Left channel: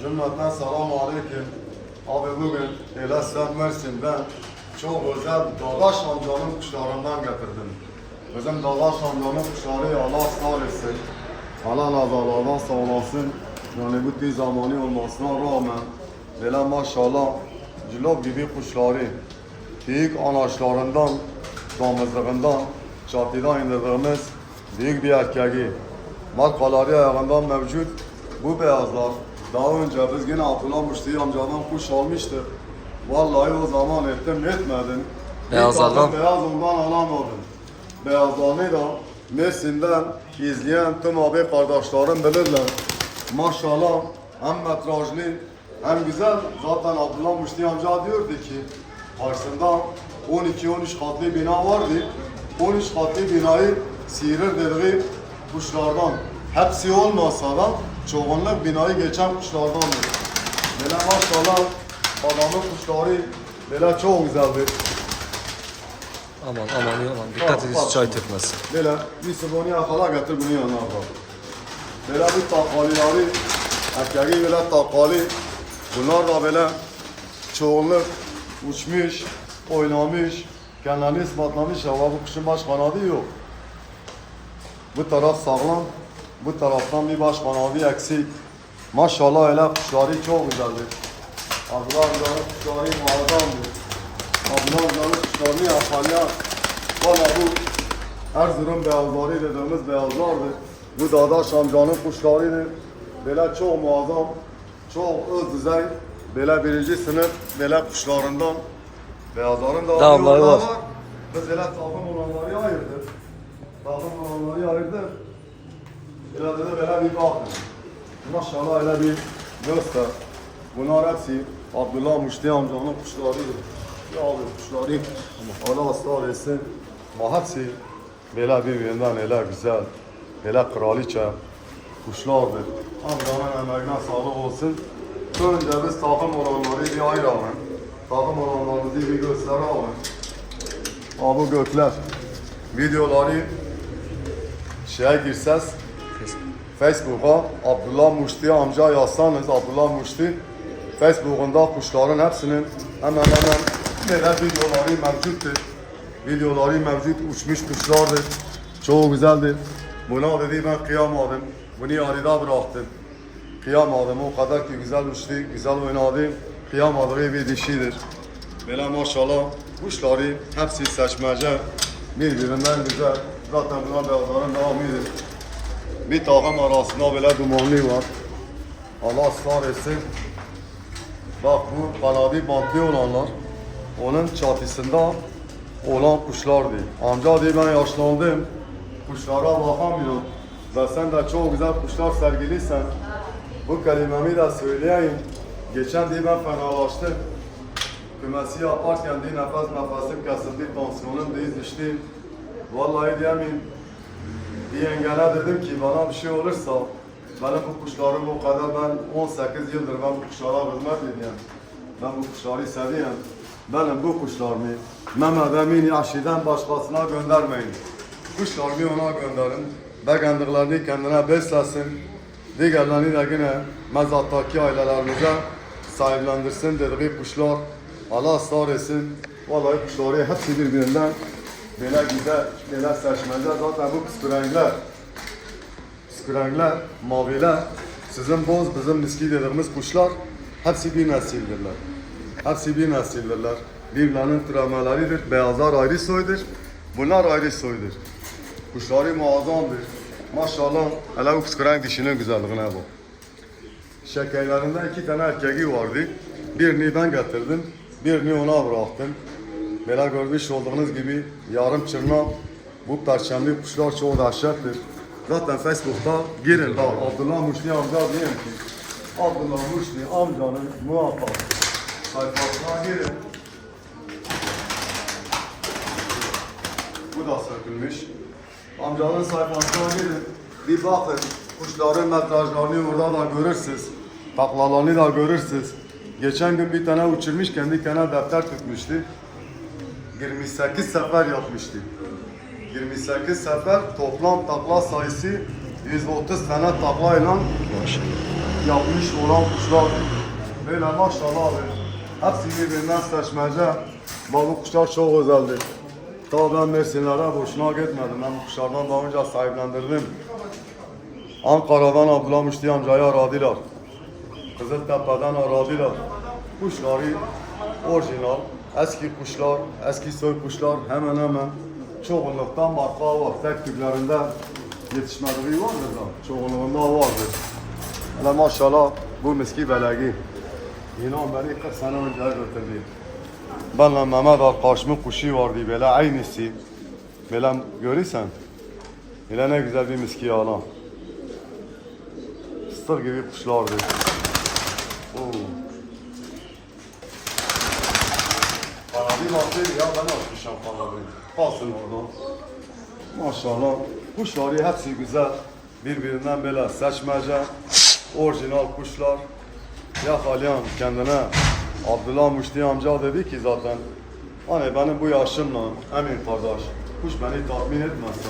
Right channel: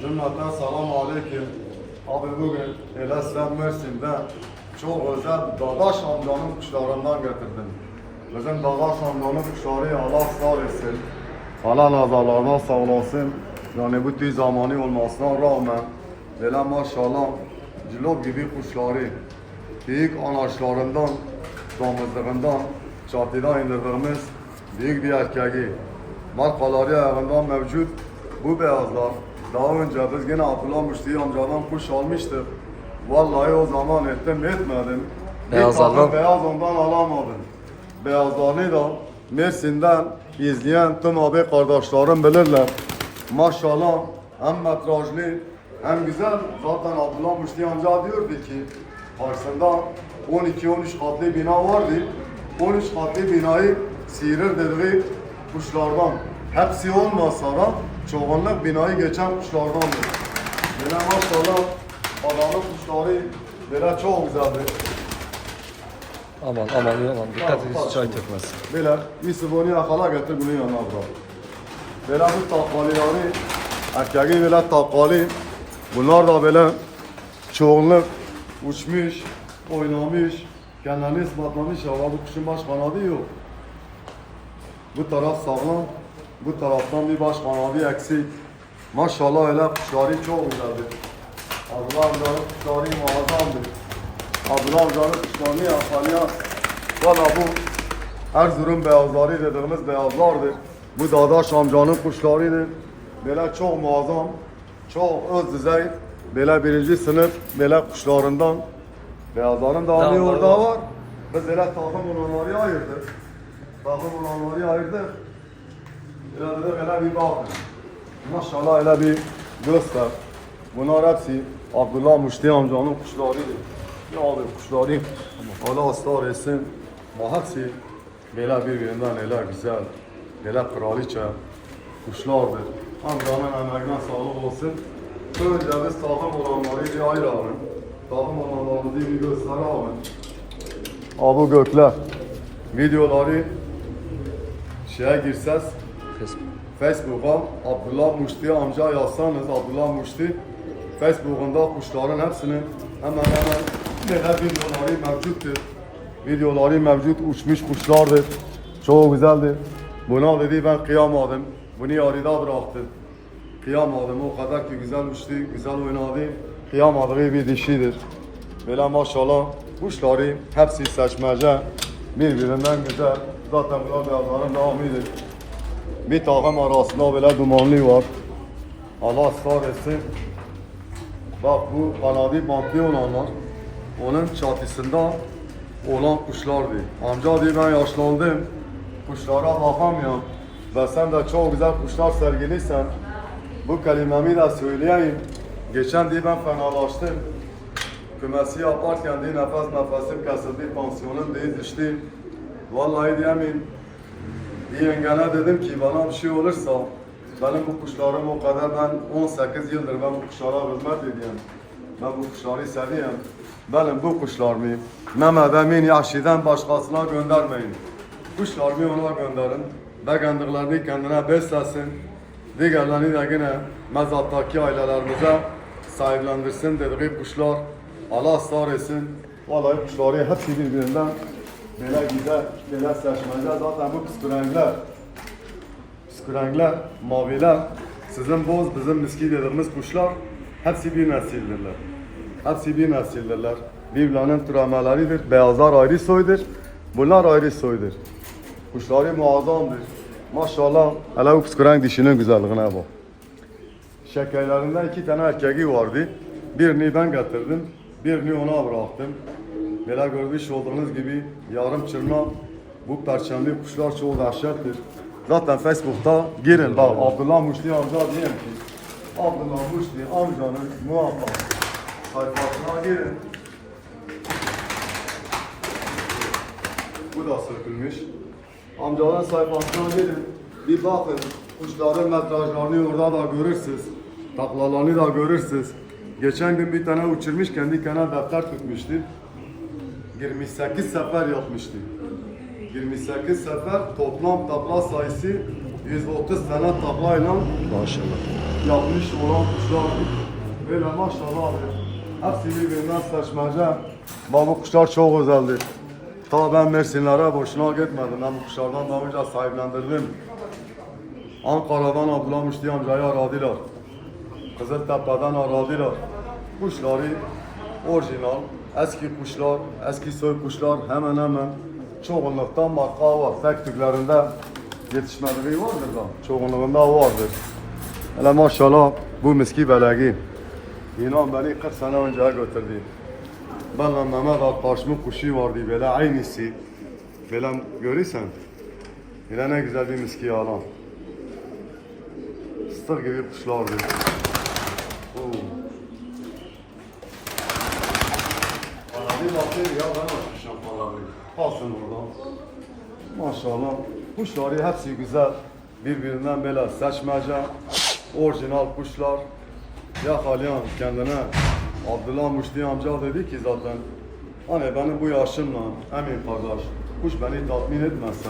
Cümleten selamun aleyküm. Abi bugün Elesem Mersin'de çok özel Dadaş amcanın kuşlarından getirdim. Bizim Dadaş amcanın kuşları Allah sağ etsin. Allah nazalardan sağ olasın. Yani bu tüy zamanı olmasına rağmen böyle maşallah cilop gibi kuşları büyük anaçlarından, damızlığından, çatıdan indirdiğimiz büyük bir erkeği. Markaları ayağından mevcut bu beyazlar. Daha önce biz yine Abdullah Müşteri amcadan kuş almıştık. Vallahi o zaman ettim etmedim. Beyazlardan- tane Beyaz ondan alamadım. Beyazlarını da Mersin'den izleyen tüm abi kardeşlerim bilirler. Maşallah hem metrajlı hem güzel. Zaten Abdullah Müşteri amca diyordu ki karşısında 12-13 katlı bina vardı. 13 katlı binayı sihirir dediği kuşlardan. Hepsi olmasa da çoğunluk binayı geçen kuşlardandır. Böyle maşallah adamın kuşları böyle çok güzeldir. Aman aman aman dikkat edin çay tökmesin. Böyle bir sıvını yakala getir bunu yanına bırak. Böyle bu takvalileri, erkeğin böyle takvali, bunlar da böyle çoğunluk uçmuş, oynamış, kendini ispatlamış ama bu kuşun baş kanadı yok. Bu taraf sağlam, bu taraftan bir baş kanadı eksik. Maşallah öyle kuşları çok güzeldir. Abdullah amcanın kuşları muazzamdır. Abdullah amcanın kuşlarını yakalayan, valla bu Erzurum beyazları dediğimiz beyazlardır. Bu Dadaş amcanın kuşlarıdır. Böyle çok muazzam, çok öz düzey, böyle birinci sınıf böyle kuşlarından. Beyazların da orada var. var. Biz böyle takım olanları ayırdık. Takım olanları ayırdık. Bir bakın. Maşallah bir göster. Bunlar hepsi Abdullah Müşteri amcanın kuşlarıydı. Ya abi kuşları Allah ısrar etsin. Ama hepsi böyle birbirinden öyle güzel, böyle kraliçe kuşlardır. Amcanın emeğine sağlık olsun. Önce biz takım olanları bir ayıralım. Takım olanlarımızı bir gösterelim. Abi gökler. Videoları şeye girseniz Facebook'a Abdullah Muşti amca yazsanız Abdullah Muşti Facebook'unda kuşların hepsinin hemen hemen neler videoları mevcuttur. Videoları mevcut uçmuş kuşlardır. Çok güzeldir. Buna dedi ben kıyamadım. Bunu yarıda bıraktım. Kıyamadım. O kadar ki güzel uçtu, güzel oynadı. Kıyamadığı bir dişidir. Böyle maşallah kuşları hepsi seçmece. Birbirinden güzel. Zaten bunlar beyazların devamıdır. Bir takım arasında böyle dumanlı var. Allah ısrar etsin. Bak bu kanadı bantlı olanlar onun çatısında olan kuşlardı. Amca diye ben yaşlandım. Kuşlara bakamıyorum. Ve sen de çok güzel kuşlar sergiliysen bu kelimemi de söyleyeyim. Geçen diye ben fenalaştım. Kümesi yaparken diye nefes nefesim kesildi, pansiyonum diye düştü. Vallahi diyemeyim. Yengene dedim ki bana bir şey olursa benim bu kuşlarım o kadar ben 18 yıldır ben bu kuşlara hizmet ediyorum. Ben bu kuşları seviyorum. Benim bu kuşlarımı Mehmet Emin Yaşi'den başkasına göndermeyin. Kuşlarımı ona gönderin. Beğendiklerini kendine beslesin. Diğerlerini de yine mezattaki ailelerimize sahiplendirsin dediği kuşlar. Allah ısrar etsin. Vallahi kuşları hepsi birbirinden Böyle güzel, böyle seçmece zaten bu kıskırengler, kıskırengler, maviler, sizin boz, bizim miski dediğimiz kuşlar hepsi bir nesildirler. Hepsi bir nesildirler. Birbirlerinin türemeleridir. Beyazlar ayrı soydur, bunlar ayrı soydur. Kuşları muazzamdır. Maşallah, hele bu kıskırenk dişinin güzelliğine bak. Şekerlerinde iki tane erkeği vardı. Birini ben getirdim, birini ona bıraktım. Böyle görmüş olduğunuz gibi yarım çırma bu perçemli kuşlar çok dehşettir. Zaten Facebook'ta girin bak Abdullah Muşli amca diyeyim ki Abdullah Muşli amcanın muhakkak sayfasına girin. Bu da sökülmüş. Amcaların sayfasına girin. Bir bakın kuşların metrajlarını orada da görürsünüz. Taklalarını da görürsünüz. Geçen gün bir tane uçurmuş kendi kenar defter tutmuştu. 28 sefer yapmıştı. 28 sefer toplam takla sayısı 130 tane taklayla Maşallah. yapmış olan kuşlar. Böyle maşallah abi. Hepsi birbirinden seçmece. Bu kuşlar çok özeldir. Ta ben Mersinlere boşuna gitmedim. Ben bu kuşlardan daha önce sahiplendirdim. Ankara'dan Abdullah Müşti amcayı aradılar. Kızıltepe'den aradılar. Kuşları orijinal, eski kuşlar, eski soy kuşlar hemen hemen çoğunluktan marka var. Tek tüklerinde yetişmediliği vardır da çoğunluğunda vardır. Hele maşallah bu miski belegi. İnan beni 40 sene önce götürdü. Benle Mehmet arkadaşımın kuşu vardı böyle aynısı. Böyle görürsen. Böyle ne güzel bir miski alan. Fıstık gibi kuşlardı. Oo. Kanadı baktı ya ben açmışım kanadı. Kalsın orada. Maşallah. Kuşları hepsi güzel. Birbirinden böyle seçmece. Orijinal kuşlar. Ya Halyan kendine Abdullah Muşti amca dedi ki zaten hani benim bu yaşımla emin kardeş kuş beni tatmin etmezse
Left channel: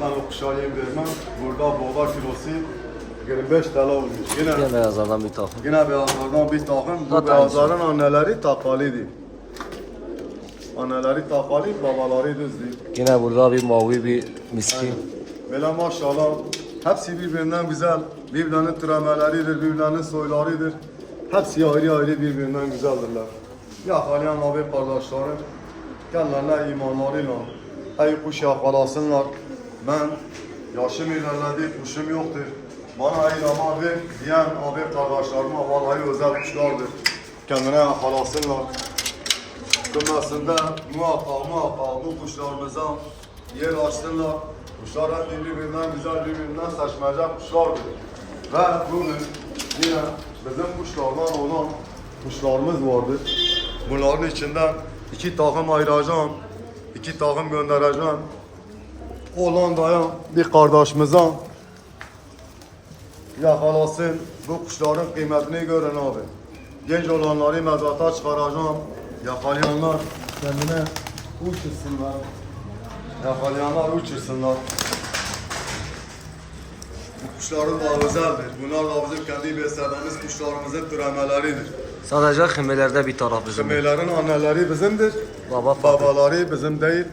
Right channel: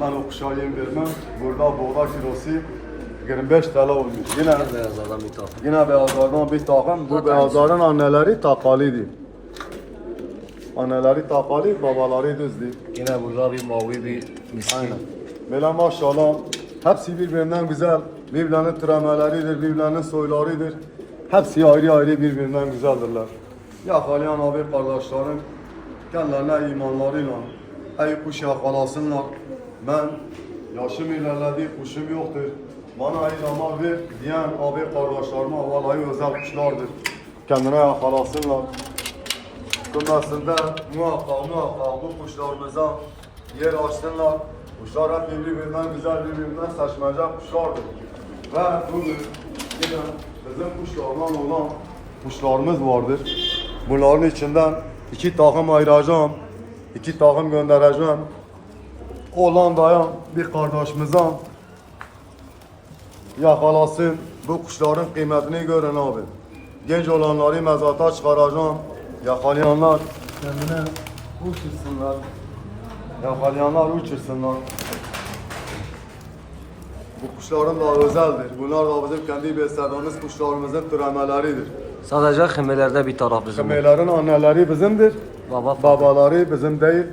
ben o kuşa yem vermem. Burada boğda kilosu 25 TL olmuş. Yine Yine beyazlardan bir takım. Yine beyazlardan bir takım. Bu beyazların anneleri takalıydı. Anneleri takalı, babaları düzdü. Yine burada bir mavi bir miskin. Aynen. Böyle maşallah hepsi birbirinden güzel. Birbirlerinin türemeleridir, birbirlerinin soylarıdır. Hepsi ayrı ayrı birbirinden güzeldirler. Ya Haliyan abi kardeşlerim, kendilerine imanlarıyla ey kuş yakalasınlar. Ben yaşım ilerledi, kuşum yoktur. Bana ey zaman ver diyen abi kardeşlerime vallahi özel kuşlardır. Kendine yakalasınlar. Kımlasında muhakkak muhakkak bu kuşlarımıza yer açsınlar. Kuşlar hep birbirinden güzel, birbirinden seçmece kuşlardır. Ve bugün yine bizim kuşlardan olan kuşlarımız vardır. Bunların içinden iki takım ayıracağım, iki takım göndereceğim. Hollanda'ya bir kardeşimize yakalasın. Bu kuşların kıymetini görün abi. Genç olanları mezata çıkaracağım. Yakalayanlar kendine uçursunlar. Yakalayanlar uçursunlar. Bu kuşların da özeldir. Bunlar da bizim kendi beslediğimiz kuşlarımızın türemeleridir. Sadece kımelerde bir taraf bizim. Kümelerin anneleri bizimdir. Baba. Babaları bizim değil.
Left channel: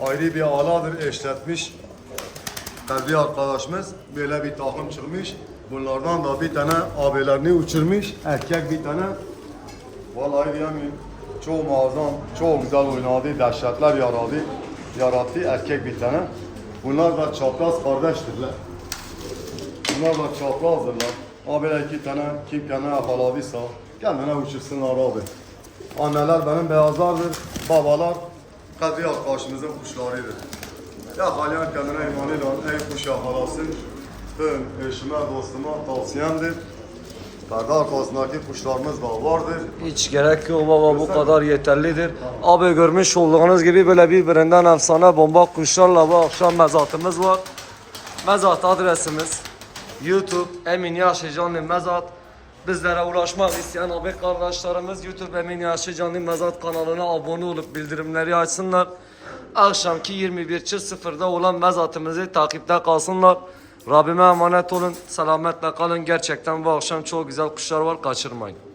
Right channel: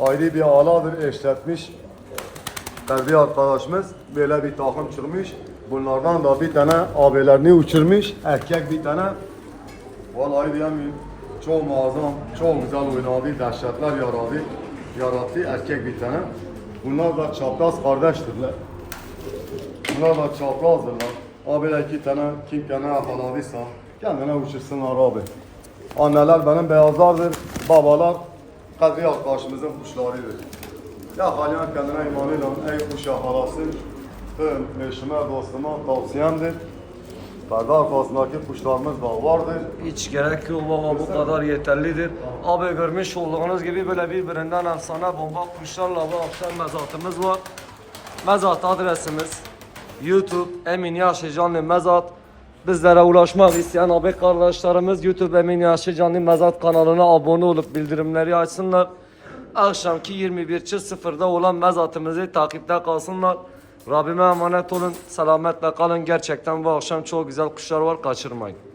Ayrı bir aladır eşletmiş. Ferdi arkadaşımız böyle bir takım çıkmış. Bunlardan da bir tane abilerini uçurmuş. Erkek bir tane. Vallahi diyemiyorum. Çok muazzam, çok güzel oynadı. Dehşetler yaradı. Yarattı erkek bir tane. Bunlar da çapraz kardeştirler. Bunlar da çaprazdırlar. Abiler iki tane kim kendine yakaladıysa kendine uçursunlar abi. Anneler benim beyazlardır, babalar Kadri arkadaşımızın kuşlarıdır. Ya halen kendine imanıyla ey kuş yakalasın. Tüm eşime, dostuma tavsiyemdir. Perde arkasındaki kuşlarımız da vardır. Hiç gerek yok baba bu kadar yeterlidir. Abi görmüş olduğunuz gibi böyle birbirinden efsane bomba kuşlarla bu akşam mezatımız var. Mezat adresimiz YouTube Emin Yaşı Canlı Mezat. Bizlere ulaşmak isteyen abi kardeşlerimiz YouTube Emin Yaşı Canlı Mezat kanalına abone olup bildirimleri açsınlar. Akşamki 21.00'da olan mezatımızı takipte kalsınlar. Rabbime emanet olun. Selametle kalın. Gerçekten bu akşam çok güzel kuşlar var. Kaçırmayın.